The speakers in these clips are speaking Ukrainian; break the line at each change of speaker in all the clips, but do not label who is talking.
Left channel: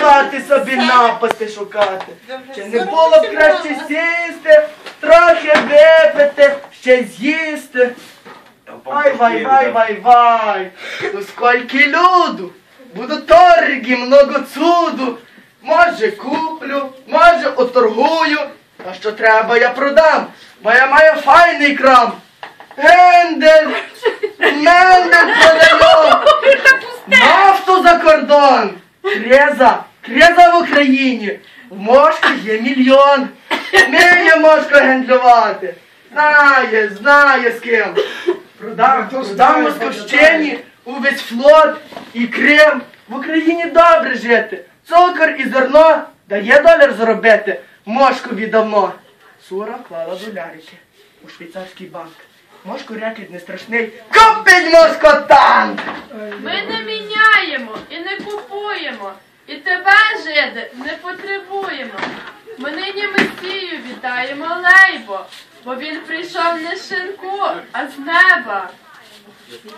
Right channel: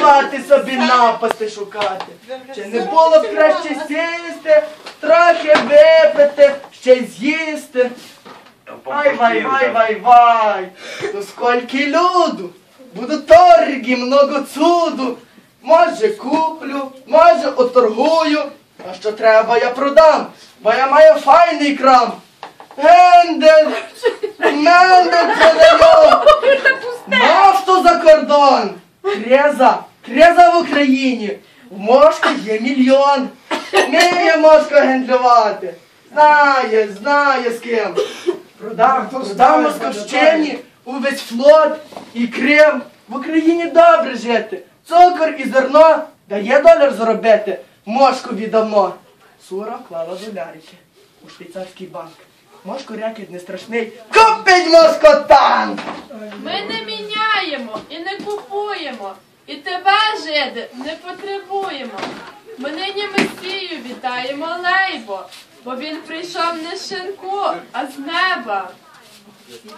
хати собі напасти шукати. Чи не було б краще сісти, трохи випити, ще з'їсти. Ай, вай, вай, вай, вай, то скільки люду, буду торги, много цуду. Може куплю, може оторгую, а що треба я продам, бо я маю файний крам. Гендель, мендель продаю, нафту за кордон, креза, креза в Україні, в Мошку є мільйон, вміє Мошко гендлювати, знає, знає з ким. Продам, продам Московщині увесь флот і Крим. В Україні добре жити. Цукор і зерно дає доляр заробити. Мошкові давно. Сура клала долярики у швейцарський банк. Мошко рекет не страшний. Купить Мошко танк!
Ми не міняємо і не купуємо, і тебе, жиди, не потребуємо. Ми нині Месію вітаємо лейбо, бо він прийшов не з шинку, а з неба.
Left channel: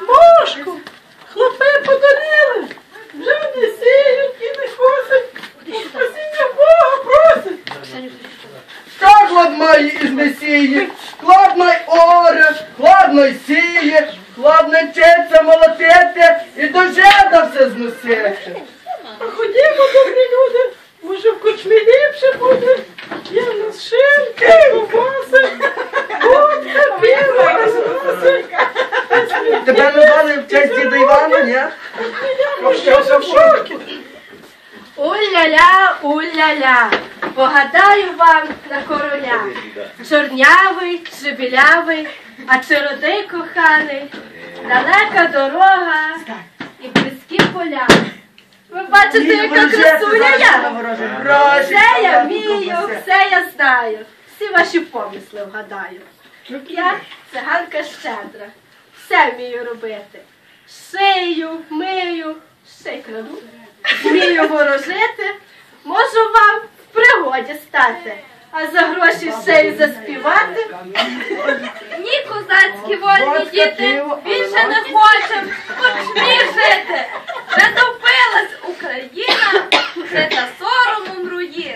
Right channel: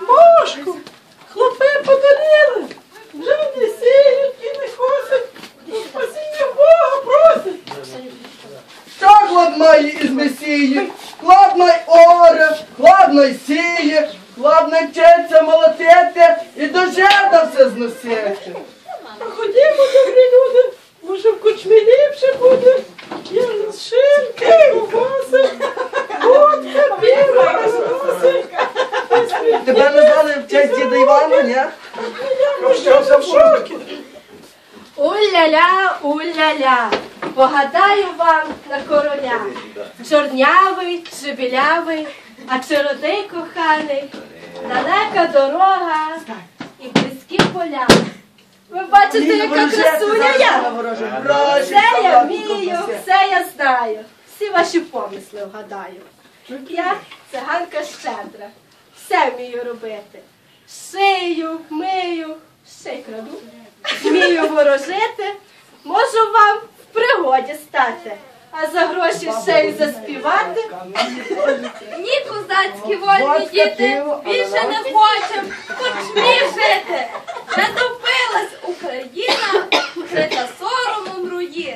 Мошку, хлопи подарили, вже не сіють і не косять, спасіння Бога просять.
Що хладної із Месії? Хладной оре, хладной сіє, хладно вчиться молотити і до жида все зносити.
Ходімо, добрі люди, може в кучмі ліпше буде. Я на шинки, ковбаси, водка, піва, розноси.
Тебе назвали в честь діда Івана, ні?
Я що в шокі.
Уля-ля, уля-ля, погадаю вам на короля. Чорнявий чи білявий, а чи родий коханий, далека дорога і близькі поля. Ви бачите, яка красуня я? Все я вмію, все я знаю, всі ваші помисли вгадаю. Я циганка щедра, все вмію робити. Шию, мию, ще й краду. Вмію ворожити, можу вам в пригоді стати, а за гроші ще й заспівати.
Ні, козацькі вольні діти, більше не хочем кучмі жити. Вже допилась Україна, жита соромом руїн.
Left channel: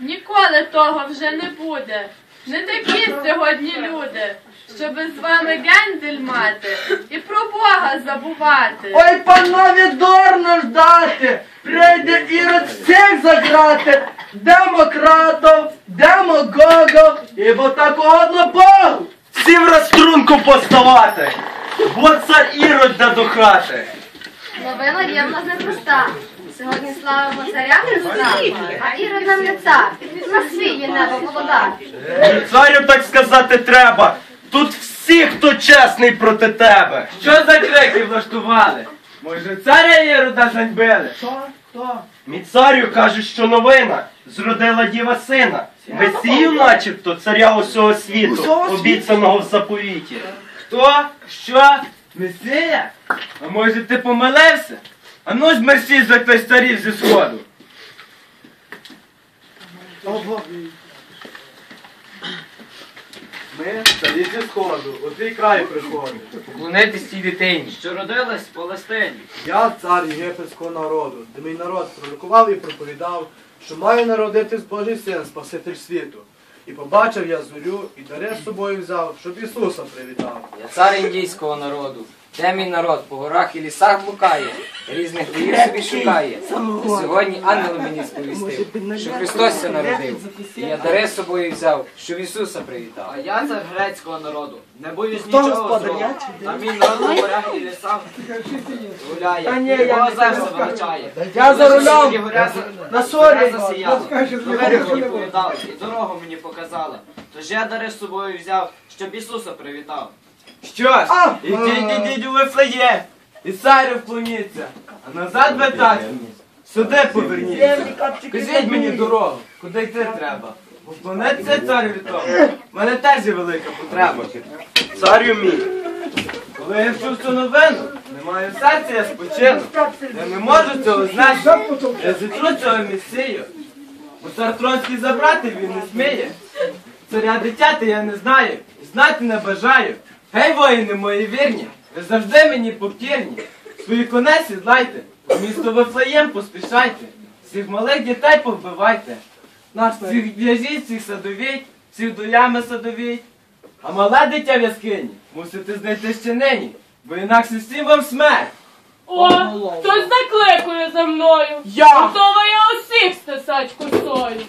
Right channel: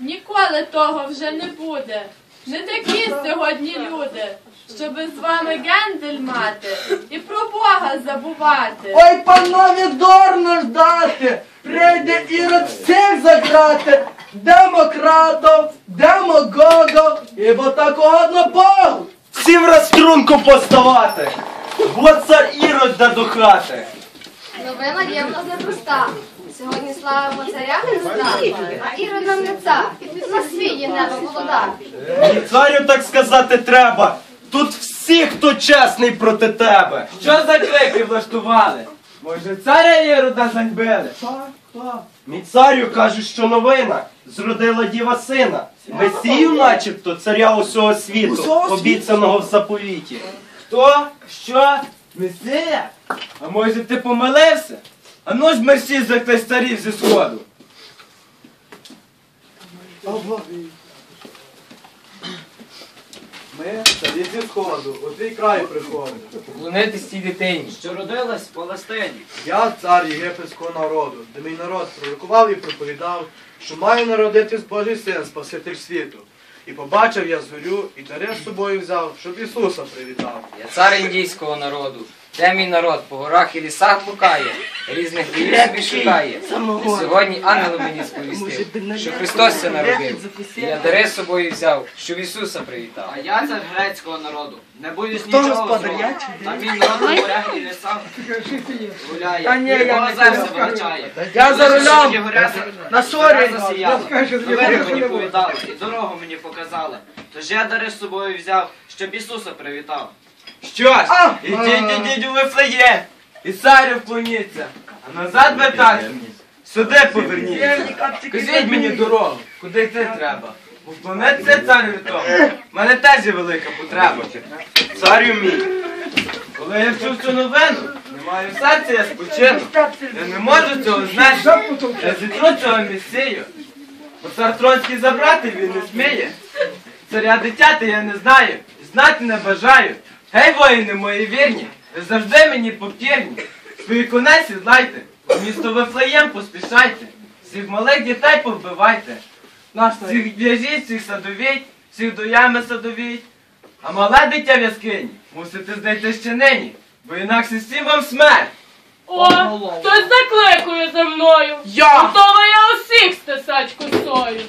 Ніколи того вже не буде. Не такі сьогодні люди, щоби з вами гендель мати і про Бога забувати.
Ой, панове, дорно ждати, прийде ірод всіх заграти, демократів, демагогів, і бо так угодно Богу.
Всім розструнку поставати, бо цар ірод да до хати.
Новина є в нас непроста. Сьогодні славимо царя Христа, а Ірод не цар. На свій є небо володар.
Царю так сказати треба. Тут всі, хто чесний проти тебе.
Що за крики влаштували? Може, царя Єруда ганьбили?
Що? Хто?
Мій царю каже, що новина зродила діва сина. Месію, начебто, царя усього світу,
Усього світу?
обіцяного в заповіті.
Хто? Що? Месія? А може ти помилився? А ну ж мерщій за хтось царів зі сходу.
Ми царі зі сходу, у твій край приходимо.
Поклонитись цій дитині.
що родилась в Палестині.
Я цар єгипетського народу, де мій народ пророкував і проповідав, що має народитись Божий син, Спаситель світу. І побачив я зорю, і дари з собою взяв, щоб Ісуса привітав.
Я цар індійського народу. Де мій народ по горах і лісах блукає, різних боїв собі шукає. І сьогодні ангел мені сповістив, що Христос ся народив. І я дари з собою взяв, щоб Ісуса привітав.
А я цар грецького народу. Не боюсь
Хто
нічого
господар,
злого.
я чи ти?
А мій народ на морях і лісах гуляє.
Не
серце
знаю. Я за рулем. На сорі.
Новини мені повідали, і дорогу мені показали. Тож я дари з собою взяв, щоб Ісуса привітав.
Що ж, ідіть, ідіть у Вифлеєм, і царю вклоніться, а назад вертайте. Сюди поверніться. Кажіть мені дорогу, куди йти треба. Бо вклонитися царю тому. У мене теж є велика потреба.
Царю мій,
Коли я вчув цю новину, не маю серця, я спочину. Я не можу цього знати. Я зітру цього місію. Бо цар Тронський забрати він не сміє. Царя дитяти я не знаю, і знати не бажаю. Гей, воїни мої вірні, ви завжди мені покірні. Свої коней сідлайте, у місто Вифлеєм поспішайте. Всіх малих дітей повбивайте. Всіх в'яжіть, всіх садовіть, всіх до ями садовіть. А мале дитя в яскині мусите знайти ще нині, бо інакше всім вам смерть.
О, хтось закликує за мною.
Я!
Готова я усіх стисать косою.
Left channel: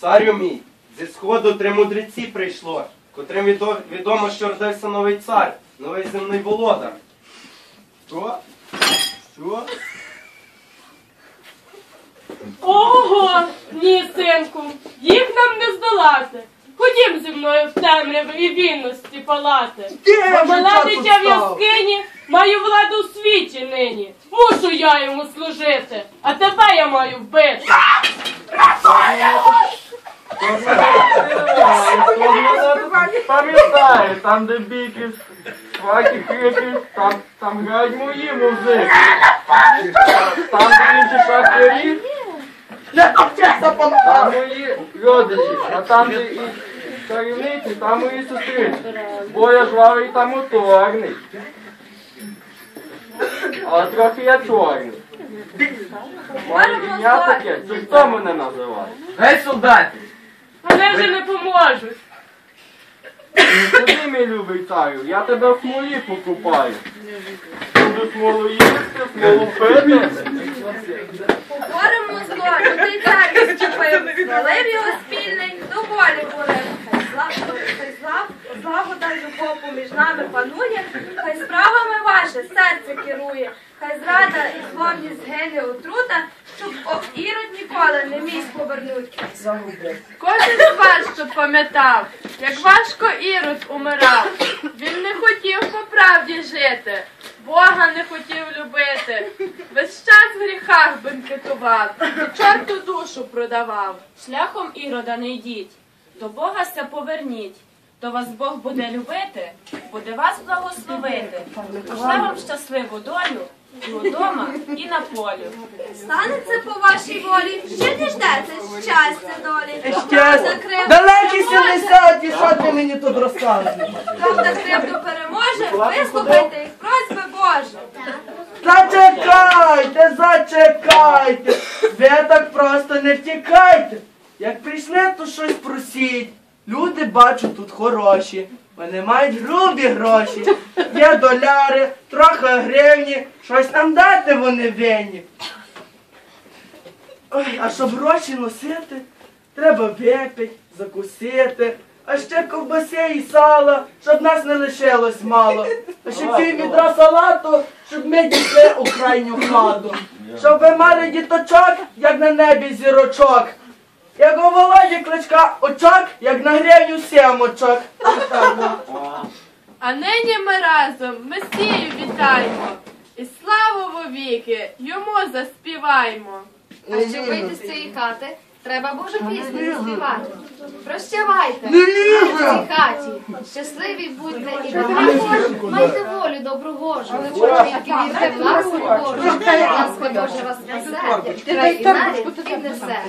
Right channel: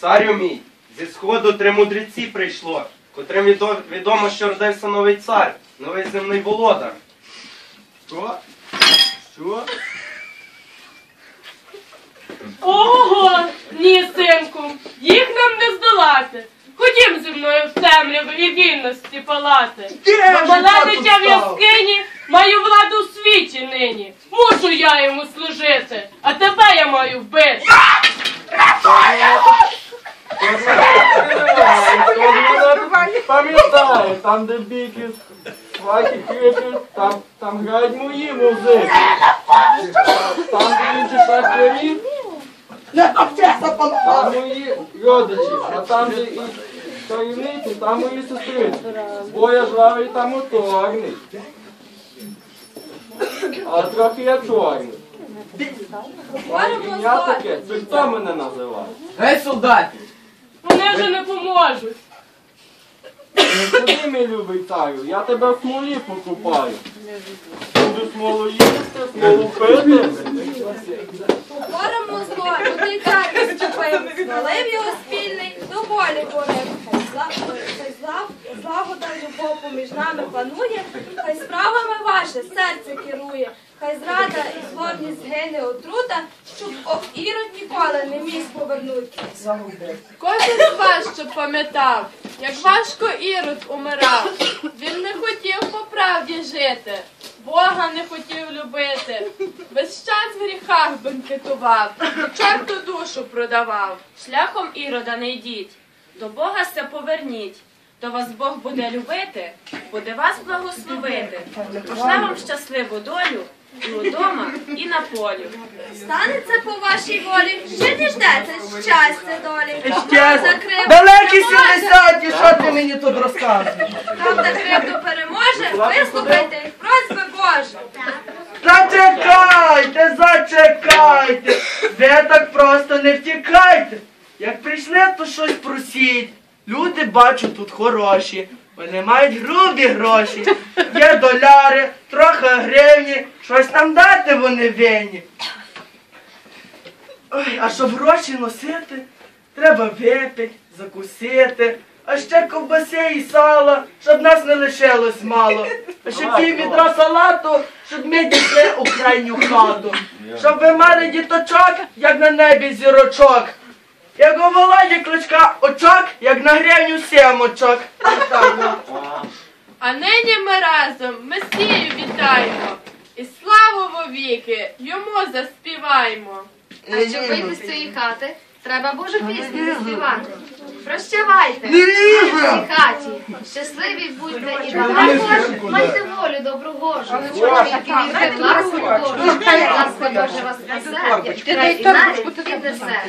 Царю мій, зі сходу три мудреці прийшло, котрим відомо, що родився новий цар, новий земний володар.
Що? Що?
Ого, ні, синку, їх нам не здолати. Ходім зі мною в темряву і вільності палати.
Де вже
Мале дитя в яскині, маю владу в світі нині. Мушу я йому служити, а тебе я маю вбити.
Пам'ятаю, там де біки, сваті хипі, там, там грають мої музики. Там де інші шахтарі, там мої родичі, а там де і чарівниці, там мої сестриці. Бо я жвавий та моторний. Але трохи я чорний. Ім'я таке, це хто мене називає?
Гей, солдати!
Вони вже не поможуть.
Куди, мій любий царю, я тебе в смолі покупаю. Буду смолу їсти, смолу пити.
Поборемо зло, людей цар відчепив, звалив його спільний, до волі волив. Хай хай зла- злагода любов поміж нами панує, хай справами ваше серце керує, хай зрада і зловність згине отрута, щоб о, ірод ніколи не міг повернути.
Кожен з вас, щоб пам'ятав, як важко Ірод умирав. Він не хотів по правді жити, Бога не хотів любити. Весь час в гріхах бенкетував, чорту душу продавав.
Шляхом Ірода не йдіть, до Бога се поверніть. То вас Бог буде любити, буде вас благословити. Пошле вам щасливу долю і удома, і на полі.
Станеться по вашій волі, ще діждеться щастя долі.
Ще
Закрив-
далекі сімдесяті, що ти мені тут розказуєш?
Правда кривду переможе, вислухайте їх просьби Боже.
Зачекайте, зачекайте. Ви так просто не втікайте. Як прийшли, то щось просіть. Люди бачу тут хороші. Вони мають грубі гроші. Є доляри, трохи гривні. Щось нам дати вони винні. Ой, а щоб гроші носити, треба випити, закусити. А ще ковбаси і сала, щоб нас не лишилось мало. А ще пів відра салату, щоб ми дійшли у крайню хату. Щоб ви мали діточок, як на небі зірочок. Як у Володі кличка очок, як на гривню сім очок. Ну.
А нині ми разом Месію вітаємо. І славу вовіки йому заспіваємо.
А щоб вийти з цієї хати, треба Божу пісню заспівати. Прощавайте,
Не
в цій хаті, щасливі будьте і багато, майте волю добру Божу. Чоловіки вірте в ласку Божу, ласка Божа вас спасе, і і навіть піднесе.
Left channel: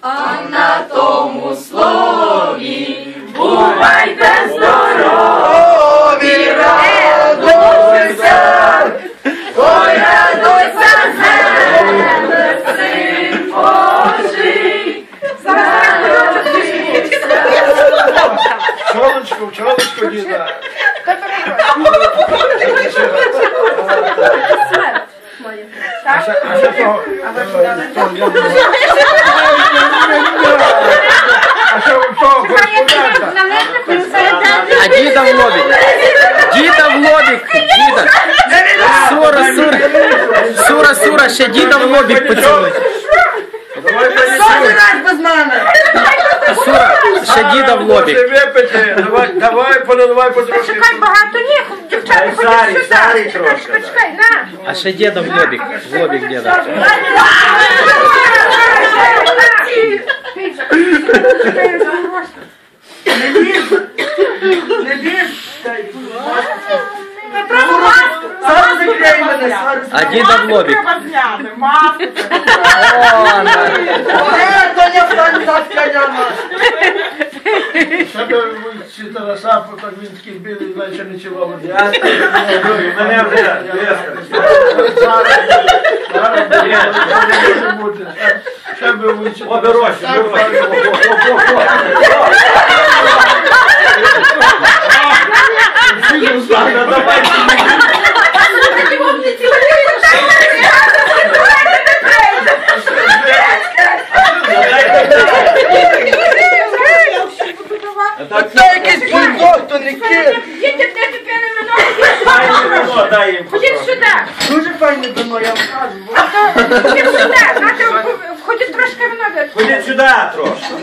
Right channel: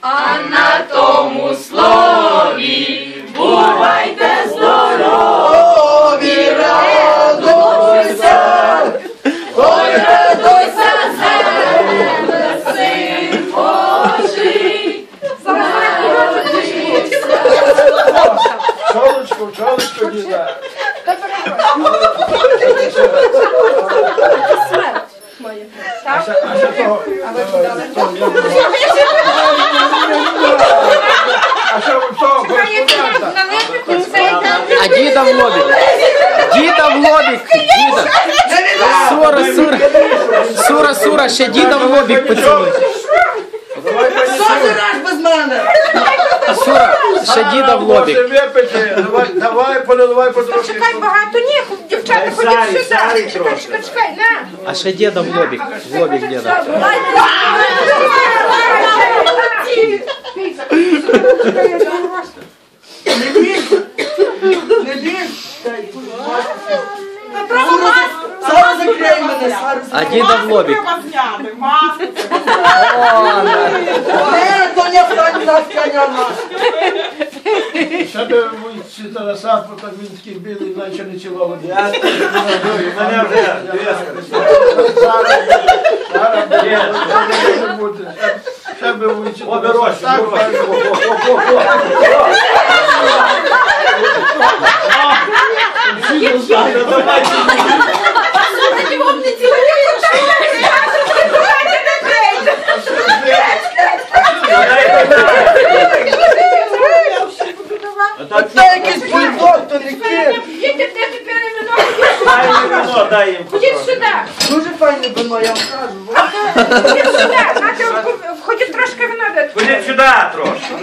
А на тому слові бувайте
Здорові радуйся, ой, радуйся,
земле, син Божий.
Чолочку, чолочку, діда. А що, що, кореспондента?
А діда в лобік. Діда в лобік. Діда. Сура, сура. Сура, сура, ще діда в лобік поцілуй.
Що ти
понесу.
без мене?
Сура, ще діда в лобік.
Випити. Давай, давай, поналивай потрошки.
багато ні, дівчата
зарі трошки.
Почекай, на.
А ще діда в лобік. В лобік діда.
Не лізь! Не лізь! Дай, тут маску. Зараз закрий мене, зараз.
А діда в лобік. О, на.
Е, Тоня, встань, встань, встань.
Себе ці Тараса, так він такий білий, наче не цілований.
Мене вже
зараз,
Ще би лучше.
О, дорожче,
Так,
дорожче.
так.
О, о, о, о. Ну, давайте.
Оце якийсь бульдог, то не.
Їдьте, де
вино? Дай їм.
Ходіть сюди.
Дуже файне вино, я вам кажу.
Ходіть сюди. Нате, ходіть трошки вино.
Ходіть сюди трошки.